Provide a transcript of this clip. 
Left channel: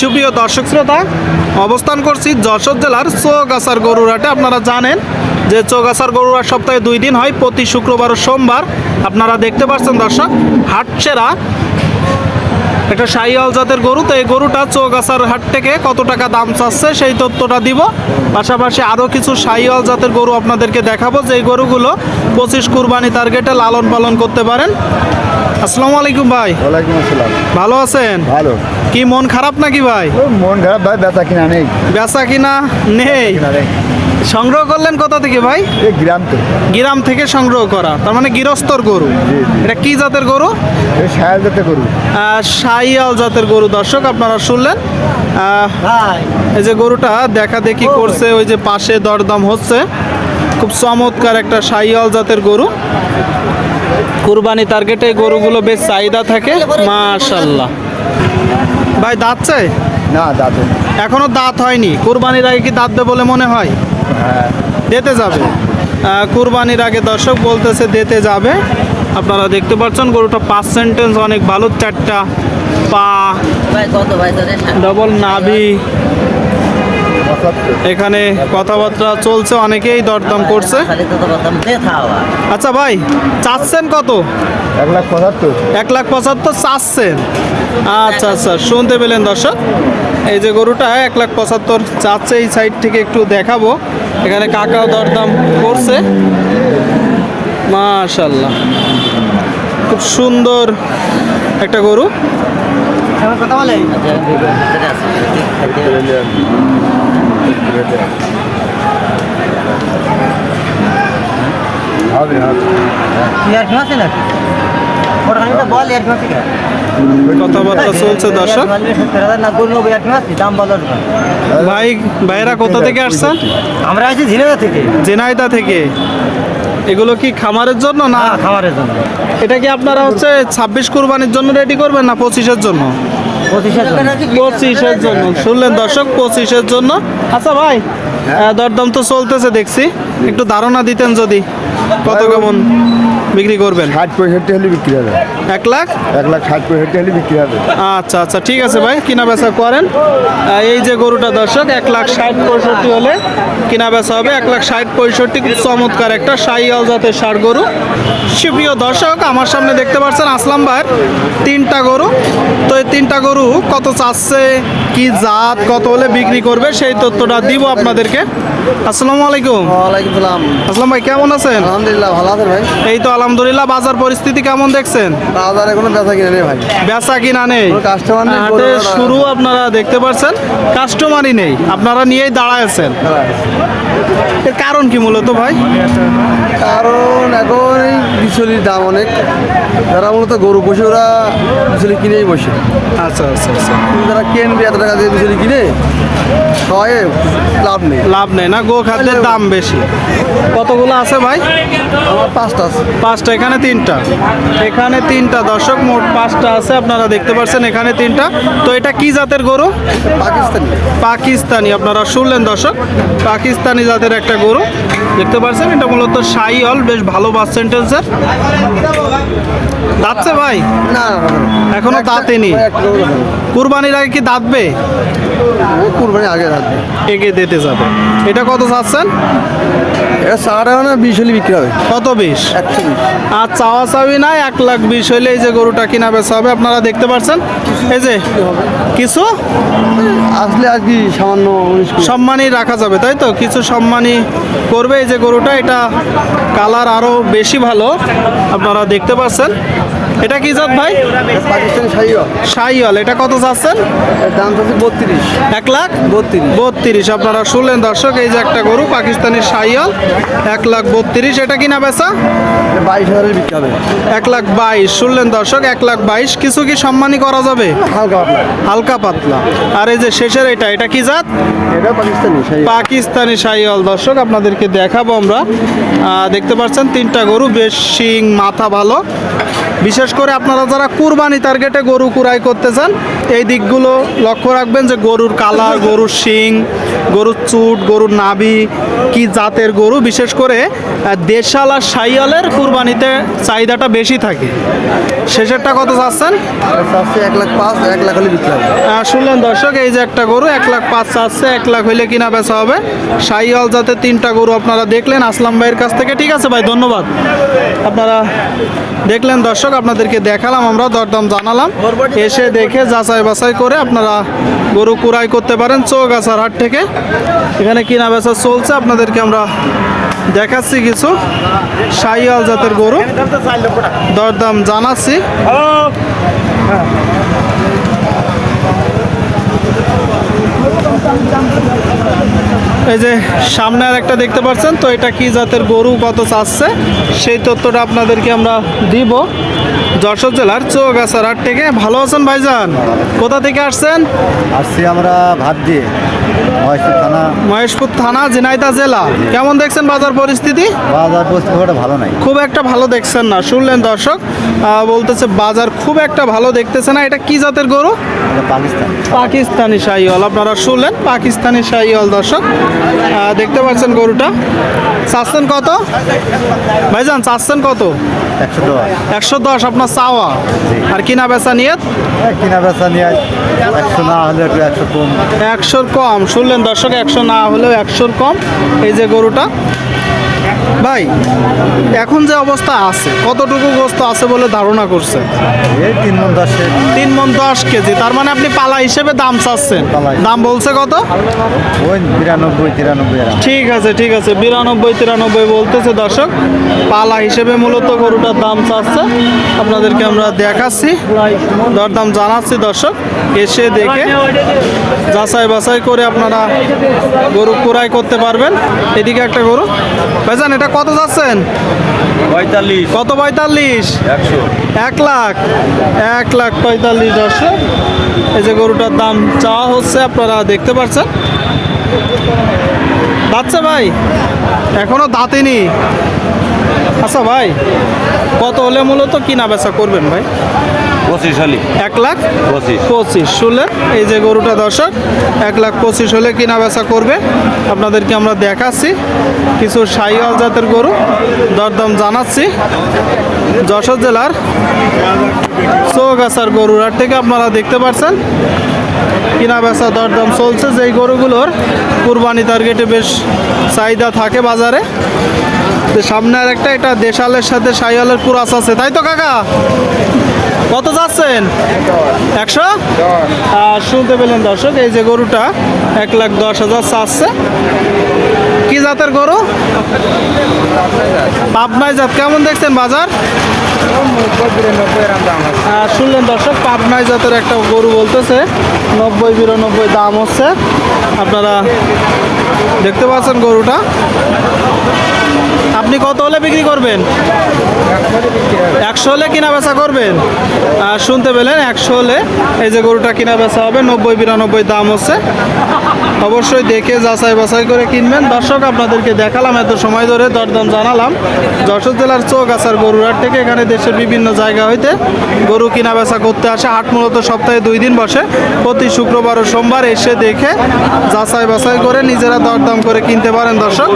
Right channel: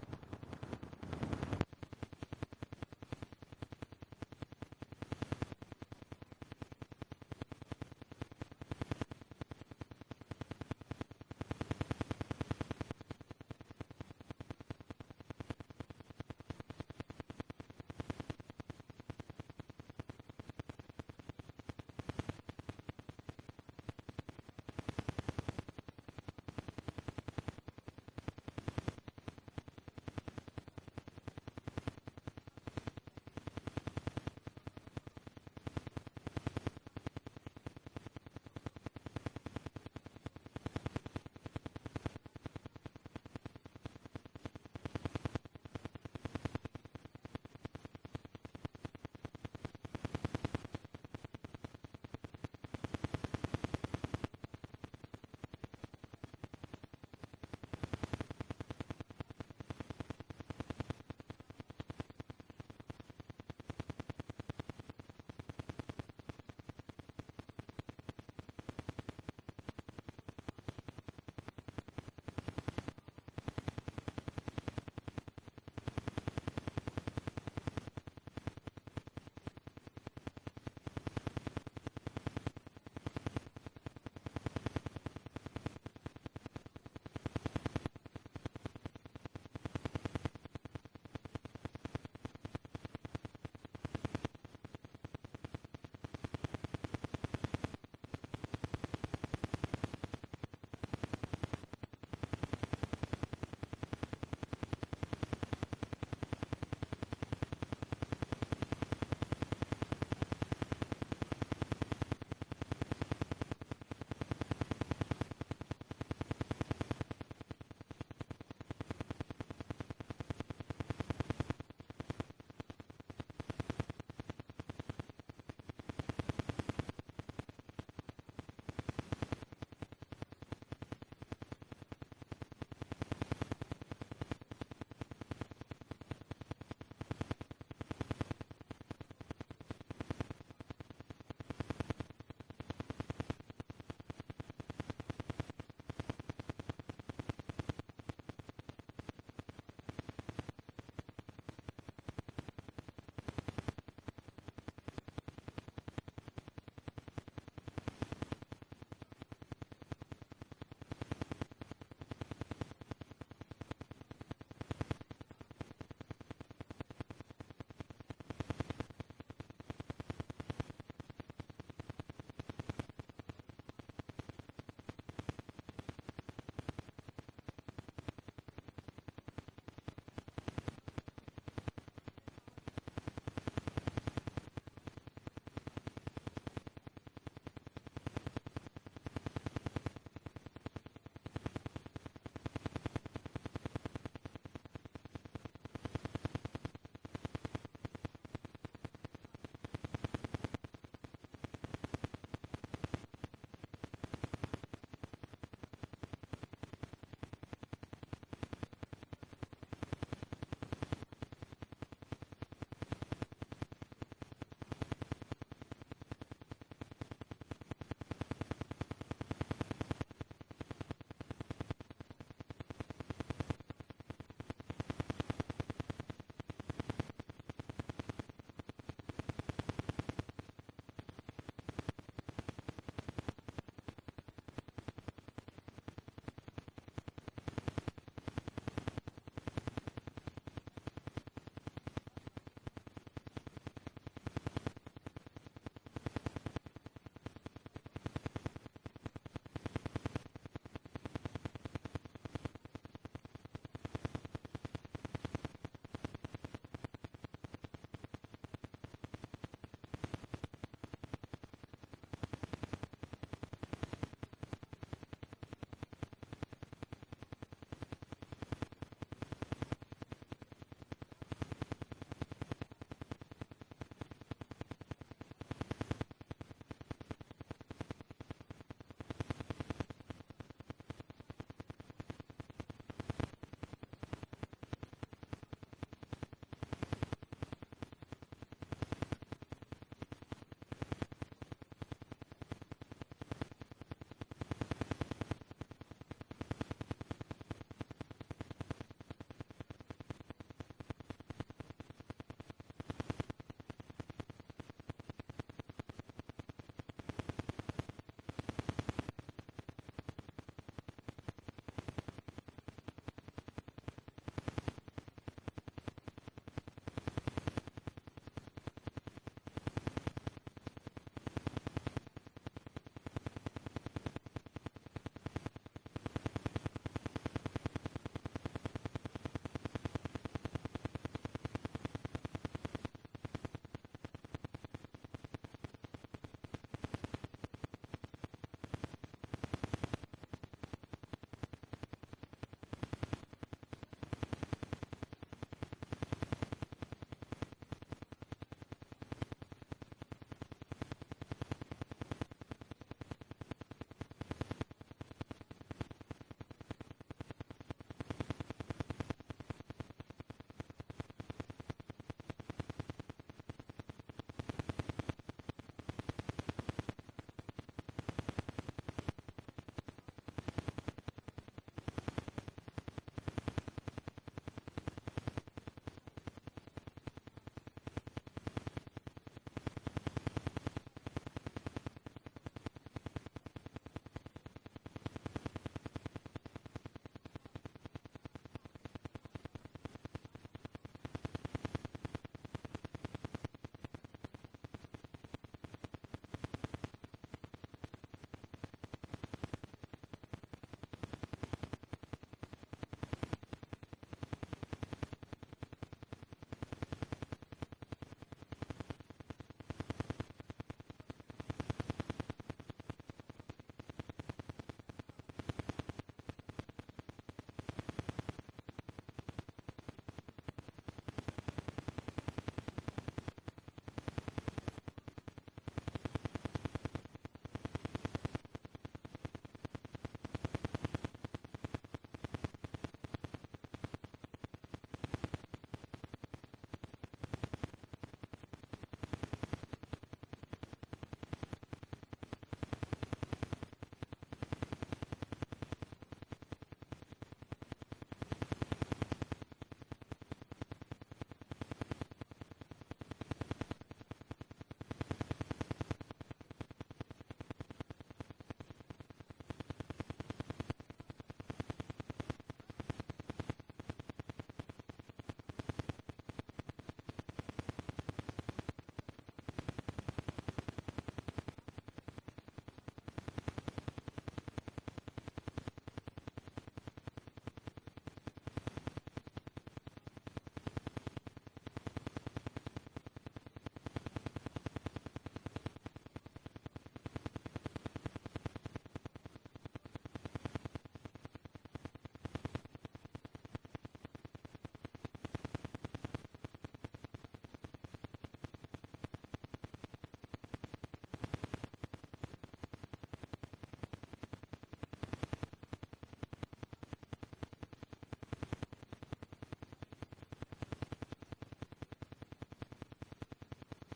সুপ্রিয় দর্শক শ্রোতা, অবস্থান করছি যশোর জেলার চৌগাছার গরুরহাটে। আপনারা জানেন যে চৌগাছার গরুরহাট সপ্তাহে দুই দিন হয়, প্রতি শুক্রবার ও সোমবার। আপনারা দেখতে পাচ্ছেন দর্শক, হাটছেরা একটা শাহিওয়াল জাতের গরু। তো এই গরুটা চৌগাছার হাট থেকে কত টাকা দাম চাচ্ছে সেই তথ্যটা দিব। পাশাপাশি আরও কিছু শাহিওয়াল জাতের গরু আপনাদেরকে দেখাবো। যে গরুগুলো পঁচিশ কুরবানি টার্গেটে লালন পালন করতে পারেন। আসসালামু আলাইকুম ভাই। ওয়ালাইকুম আসসালাম। ভালো আছেন? ভালো। কি মন খারাপ নাকি ভাই? ও মন খারাপ ভাই বেচা কিনা নেই। বেচা কিনা নেই? কিনা নেই। সংগ্রহ করলেন কোথা থেকে ভাই? এই গ্রাম তো গ্রাম থেকে সংগ্রহ করা। তার মানে গৃহস্থর গরু। জি, জি। এটা কি জাতের গরু? এই সায়াল যাতে করু আহ, শাহিয়াল জাতের গরু। দর্শক আপনারা শুনলেন। আহ, এই যে গরুটা দেখা দেখি করছে ওই যে পাশে দরদাম হচ্ছে। খুব চমৎকার একটা শাহিয়াল জাতের গরু। কুরবানি টার্গেটে গরুগুলো বেশ চাহিদা থাকে মাশাল্লাহ ভাই দাঁত চাই? না দাদু এখনও দাঁত হয়নি। কুরবানির আগে কি দাঁত দেবে বলে মনে হয়? হ্যাঁ। দিতে যাবে। কুরবানির আগে দর্শক বলতেছে দিতে যাবে। আপনারা দেখতে পাচ্ছেন গরুটা পাঁচ সেন্টেন্স অনেক ভালো চারটা পা ভাই কত ভাই তোদের? ডবল নাভি। এখানে কথাবার্তা চলছে অনেকেই দরদাম করছে। আচ্ছা ভাই চাচ্ছেন কত? এক লাখ পঁচাত্তর। এক লাখ পঁচাত্তর চাচ্ছেন। আচ্ছা আচ্ছা শুনতে পেলেন দর্শক। এই যে গরুটা এক লাখ পঁচাত্তর চাচ্ছে এই সাইড থেকে একটু দেখাবো। এখানে কাকাও দরদাম করছে। মাশাল্লাহ খুব সুন্দর একটা গরু। কথা বলে। কথাবার্তা চলছে দর্শক ভাই ভাইরা কোথা থেকে আসছেন আমরা আছি থেকে। থেকে এগুলো কি খামারের জন্য না? না জন্য। এটা কি আপনারা হচ্ছে ছাব্বিশ কুরবানির জন্য রেডি করবেন না পঁচিশের জন্য? পঁচিশের জন্য। শুনলেন দর্শক, পঁচিশের জন্য। আচ্ছা ভাই দরদাম তো চলতেছে, দেখছি। একটু ধারণা দিতেন যদি। কত কেমন? বিক্রি করবেন? ষাট পঁয়ষট্টি হলে বিক্রি হবে। এক লাখ? এক লাখ ষাট পঁয়ষট্টি হলে বিক্রি হবে। আচ্ছা আচ্ছা ঠিক আছে ভাই কিনা বেচা করেন এই যে গরুটা দর্শক এক লাখ ষাট পঁয়ষট্টি হলে কিনা বেচা হবে। এক লাখ ষাট পঁয়ষট্টি চমৎকার একটা শাহিয়াল জাতের ষাট গরু। সুপ্রিয় দর্শক আমার সামনে দেখতে পাচ্ছেন আসলাম ভাইয়ের তিনটা গরু। তো এই তিনটা গরু কত চাচ্ছে কি জাত কত হলে বিক্রি করবে সেই তথ্যটা দিব আপনাদেরকে। আসসালামু আলাইকুম। ওয়ালাইকুম সালাম। আসলাম ভাই কেমন আছেন? আলহামদুলিল্লাহ ভালো আছেন ভাই? এই তো আলহামদুলিল্লাহ বাজার পরিস্থিতি কেমন দেখছেন? বাজারে কোনো বেচা কিনা নেই ভাই। বেচা কিনা নেই। কাস্টমার নেই, হাটে শুরু আপনারা দেখতে পাচ্ছেন কাস্টমারই নেই। আপনারা নিয়েই দাঁড়ায় আছেন এর কারণ কি মূলত ভাই? কারণ এখন এই বিচলির দাম অনেক। যারা মূলত গরু বসে ওরা বিচলি কিনেই বসে। আচ্ছা আচ্ছা আচ্ছা। যারা কিনবে এত টাকা দিয়ে বিচলি কিনে খাওয়ায় লাভ নেই। লাভ নেই না গো খাদ্যের দাম বেশি। কতগুলো আছে ভাই? আমার পাঁচটা আছে। পাঁচটা এখানে তিনটা। এখানে তিনটা দর্শক মোট পাঁচটা আছে আপনারা দেখতে পাচ্ছেন এখানে তিনটা। তো এটা কি জাতের গরু? পাকিস্তানি। পাকিস্তানি আপনারা শুনলেন দর্শক। পাকিস্তানি জাতের একটা গরু। দেখতে পাচ্ছেন এটা মূলত সাই হল বেশ ভালো বাস সেন্টেন্সের দাঁতছে ভাই? না। এখনও দাঁতেনি। কুরবানির আগে কি দাঁতবে? ওই কুরবানি আগে রাখবে এগিয়ে দিতে যাবে। এটা কত চাচ্ছেন এটা না বিশ হলে বিক্রি হবে। কত বিশ? একশো বিশ। আর চাওয়া নাই এক লাখ বিশ হইলে এই যে গরুটা কিনা বেচা হবে। আপনারা দেখতে পাচ্ছেন? এই যে কিছু? আসলে আর কি সামান্য সম্মানই রাখা যাবে, তাই তো? কিছু সম্মানই করবে এই যে গরুটা, এটা কালার আরও বেশি ভালো, আপনারা দেখতে পাচ্ছেন। এটা কি জাত ভাই? এটা পাকিস্তানি শাহিও এটা কত চাচ্ছেন? এর দাম হচ্ছে বত্রিশ। এক লাখ? বত্রিশ। বত্রিশ আপনারা শুনলেন দর্শক এই যে একটা গরু পাকিস্তানি সাইয়াল এক লাখ বত্রিশ এটা কিনা বেচা? বাইশ হাজারে বিক্রি হবে। এক লাখ বাইশ শুনলেন দর্শক এক লাখ বাইশ কিছু কি সম্মানী করা যাবে? হালকা পাতলা। হালকা পাতলা। আর এই যে শেষের এটা এটা কি জাত? এটা পাকিস্তানি পাকিস্তানি শাহিওয়াল দর্শক আপনাদেরকে দেখাবো আমরা। দেখতে পাচ্ছেন তিনটা গরু বেশ শিং মাথা ভালো। বিশেষ করে আপনারা যারা কুরবানি টার্গেটে গরু কুরাই করতে চান, এই দিকগুলো লক্ষ্য রাখবেন যে গরুর কালার, গরুর শিং, গরুর চুট, গরুর নাভি কি জাতের গরু? বিশেষ করে দেশাল আর সাইয়ালের কুরবানিতে চাহিদাটা বেশি থাকে। শেষেরটা কত চাচ্ছেন? এক লাখ পাঁচ এক লাখ হলে বিক্রি শুনলেন দর্শক এই যে একটা গরু এক লাখ পাঁচ চাচ্ছে এক লাখ হইলে কিনা বেচা হবে। সাইয়াল জাতে তিনটা গরু আপনারা দেখলেন আসলাম ভাইয়ের কাছ থেকে। ঠিক আছে ভাই ধন্যবাদ। আপনারা দেখলেন দর্শক আপনাদেরকে দেখালাম আমরা দরদাম জানালাম। এসে দেখে যাচাই বাছাই করে আপনারা গরু কুড়াই করতে পারেন চোখ চৌগাছার হাট থেকে। এখানে কিনা বেচা চলছে আপনাদেরকে আমরা দেখাচ্ছি কিছু সাইয়াল জাতের গরু। দরদাম জানাচ্ছি। এই যে সামনে আর একটা দেখতে পাচ্ছেন, তো এটা কি জাতের গরু, কত চাচ্ছে? সেই তথ্যটা আপনাদেরকে আমরা দিব। যশোর জেলার চৌগাছার হাট থেকে। ভালো আছেন ভাইজান? কোথা থেকে আসছেন? আসছি আমরা ভাত দিয়ে। মহেশপুর থানা। ঝিনাইদহ জেলা। কেমন দেখছেন বাজার পরিস্থিতি? বাজার পরিস্থিতি ভালো নাই। খুব একটা ভালো দেখছেন না শুনলেন দর্শক। বলতেছে বাজার খুব একটা ভালো দেখতেছে না। এটা কি জাতের গরু? পাকিস্তান। পাকিস্তানি শাহিওয়াল। আপনারা শুনলেন পাকিস্তানি শাহিওয়াল দর্শক। দেখতে পাচ্ছেন গরুটা। চাচ্ছেন কত? ভাইজান চাচ্ছেন কত? একশো দশ। আপনার চাওয়া। আর কিনা বেচা নিয়ে কিনা বেচা নিয়ে একশো না হলে একটু একশো কম। একশোর কম। শুনলেন দর্শক একশো না হলেও একশোর কম। এই যে গরুটা। ভাই এখন যে অবস্থা আছে কতটুকু গোস্ত আছে বলে ধারণা করছে এই তিন মন দশে তিন মন দশ কেজি তার মানে আপনি পালা হিসেবে দাম চাচ্ছেন। দাম বলছে কত? ওই বিরানব্বই তিরানব্বই ঠিক আছে ঠিক আছে বিরানব্বই তিরানব্বই বলতেছে দর্শক। পালা হিসেবে মূলত গরুটার দাম চাচ্ছে। আপনাদেরকে আমরা দেখাচ্ছি দরদাম জানাচ্ছি দর্শক। এসে দেখে যাচাই বাছাই করে আপনারা গরু কুড়াই করতে পারবেন। এদিকে একটা গরু। ভাইজান এটা কত যাচ্ছেন? পঁয়তাল্লিশ। কত পঁয়তাল্লিশ? একশো। এক লাখ। এক লাখ পঁয়তাল্লিশ দর্শক। এই যে গরুটার দাম চাওয়া হচ্ছে আপনারা দেখতে পাচ্ছেন। দাঁতছে ভাই। এখনও দাঁতেনি। আচ্ছা ভাই কত হলে মূলত কিনা বেচা করবেন ভাই? পঁচিশ হলি। এক লাখ পঁচিশ। পঁচিশ শুনলেন এই যে গরুটা দর্শক এক লাখ পঁচিশ হলে কিনা বেচা করবে। আপনাদেরকে আমরা দেখাচ্ছি কিছু সাইওয়াল জাতের গরু দরদাম জানাচ্ছি। যশোর জেলার চৌগাছার গরুর হাট থেকে আপনারা দেখতে পাচ্ছেন কিনা বেচা দরদাম চলছে। যেই গরুগুলোর কুরবানি টার্গেটে বেশ চাহিদা থাকে বাজারে। তো সামনে আর একটা এটা দেশালের সাথে সাইওয়ালের কুরাস আছে তাই তো কাকা? কত যাচ্ছেন? একশো? আর শুনতে পেলেন দর্শক, এই যে গরুটা এক লাখ দশ হাজার চাচ্ছে। কি জাতের গরু? পাবনায় জাত, কেমন দেখছেন বাজার? শুনলেন দর্শক, পাবনায় জাতের একটা গরু বলতেছে, নব্বই বিরানব্বই দাম হচ্ছে। আপনারা দেখতে পাচ্ছেন গরুটা। আপনি কত হলে বিক্রি করবেন? একশো হলে কিনা বেচা করবেন? আর শুনতে পেলেন, একশো হলে এই যে গরুটা কিনা বেচা হবে, নব্বই বিরানব্বই দাম হচ্ছে। অবশ্যই দেখে যাচাই বাছাই করে কিনবেন। দর্শক, আপনাদেরকে দেখালাম, এত সময় ধরে দরদাম জানালাম। যশোর জেলার চৌগাছার গরুহাট থেকে এখানে দেশের বিভিন্ন জায়গা হইতে গরু কিনা বেচা করতে আসে। হাট মূলত সপ্তাহে দুই দিন বসে। প্রতি শুক্রবার ও সোমবার এসে দেখে যাচাই বাছাই করে নিজেরা দরদাম করে কিনতে পারেন দর্শক।